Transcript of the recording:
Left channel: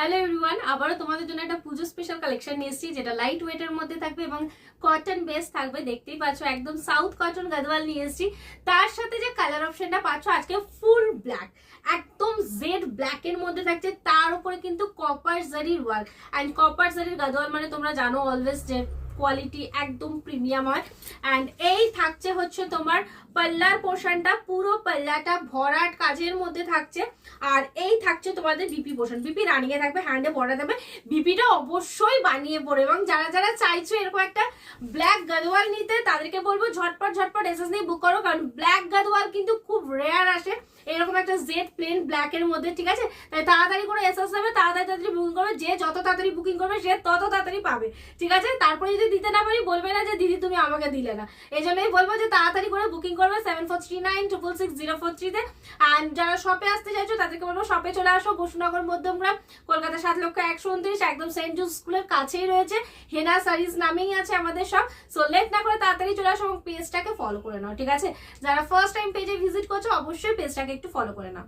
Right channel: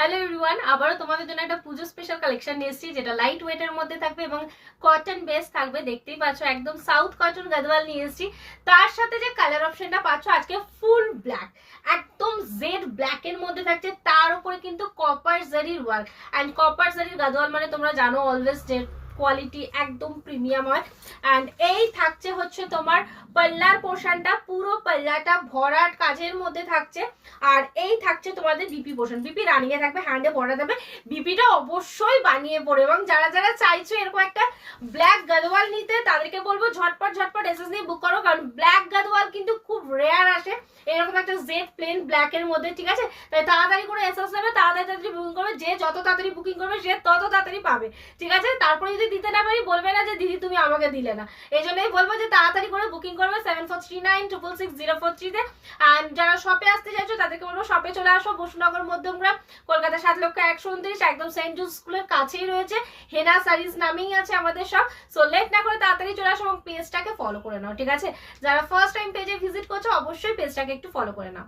Hello everyone, আবারও তোমাদের জন্য একটা পুজো স্পেশাল কালেকশন নিয়ে এসেছি, যেটা লাইট ওয়েটের মধ্যে থাকবে এবং কটন বেস থাকবে। দেখতেই পাচ্ছ একদম সাউথ কটন গাদওয়াল নিয়ে এসেছি। তার সাথে যে কালার অপশনটা পাচ্ছ আজকে ফুল ব্ল্যাক, একদম জেড ব্ল্যাক এর মধ্যে থাকছে। তার উপরে কিন্তু কপার জারির ওয়ার্ক, অ্যান্ড কপার জারির গাদওয়াল মানে তোমরা জানো অলওয়েজ যে কোয়ালিটি একদম প্রিমিয়াম হয়। অ্যান্ড এই থাকছে হচ্ছে তোমার পাল্লার পোর্শনটা, পুরো পাল্লাটা ভরাট কাজের মধ্যে থাকছে। আর এই থাকছে তোমাদের বিপি পোর্শন, বিপি রানিয়ে থাকবে, হ্যান্ডে পরে থাকবে। বিপিটা অবশ্যই বানিয়ে পড়ে, এবং যারা যারা চাইছো এরকম একটা ব্ল্যাক গাদওয়াল নিতে তাদেরকে বলবো ঝটপট ঝটপট এসএস নিয়ে বুক করো, কারণ ব্ল্যাক গাদওয়াল কিন্তু খুব রেয়ার আসে এরকম একটা জেড প্লেন ব্ল্যাক এর মধ্যে, ঠিক আছে? তাই তাড়াতাড়ি করে এসএস নেবে, তাড়াতাড়ি বুকিং করবে। যে যত তাড়াতাড়ি বুকিং করবে সে তত তাড়াতাড়ি পাবে, ঠিক আছে? তারপরে যদি দিতে না পারি বলবে না যে দিদি তুমি আমাকে দিলে না। এই জন্যই বলবো যে তাড়াতাড়ি করে বুকিং করবে 7439666043 তে। অ্যান্ড যারা শপে আসতে চাইছো তাদেরকে বলবো শপে চলে আসো, বসুনগর মধ্যমগ্রাম, কলকাতা 7,129, একদম সেন্ট জুস স্কুলের কাছেই রয়েছে। হেনা সারিজ নামেই আছে আমাদের সব। সো লেট না করে তাড়াতাড়ি চলে আসো এবং পেজটাকে ফলো করে নাও, ঠিক আছে? যারা ফার্স্ট টাইম পেজে ভিজিট করছো অবশ্যই পেজটাকে একটু ফলো করে নাও।